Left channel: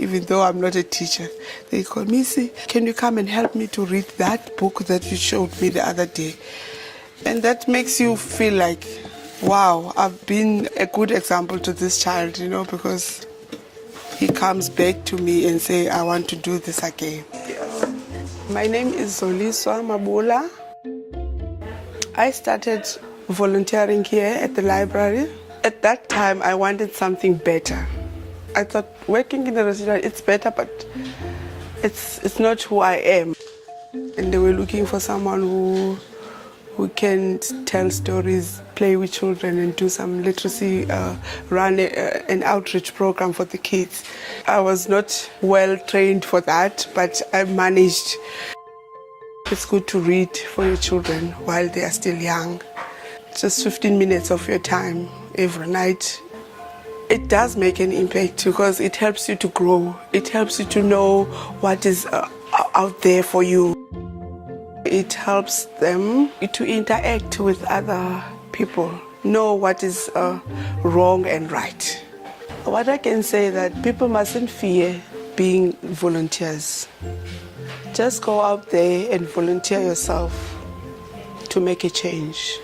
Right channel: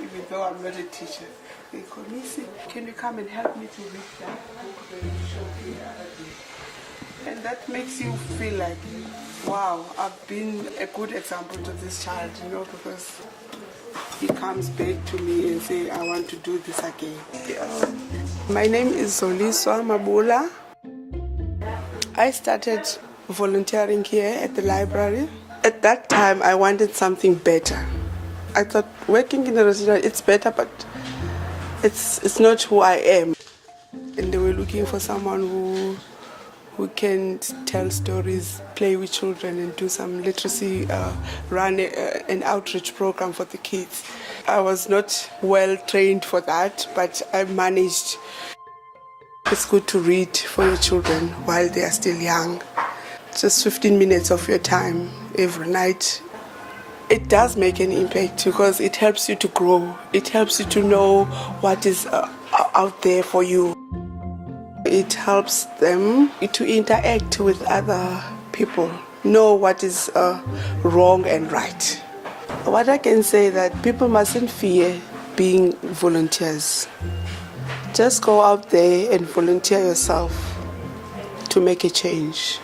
even though I'm not a teacher. They call me, "Missy, can you come and help me to read that book that you showed me the other day?" And that makes you feel like, wow, I've been a good example to this child, because he comes back to me and say, "I want to do this again." Yeah. My name is Zoliswa Mabula. I started volunteering here at the library. At that time, I wanted something better. I thought working in a restaurant, it's better, but it's not who I am. And they were looking for someone who can tell stories, play with children, and do some literacy, run an outreach program for the kids. I was not well trained for that, but I managed. It's good to read for your children while they are still young. Just 15 minutes of your time every night. It does make an impact because it helps you to grow. It helps you to know what is out there for you. It helps them to interact with other people, know what is wrong and right. What I can say that people mustn't fear being volunteers. Just go out there and volunteer yourself to make a change.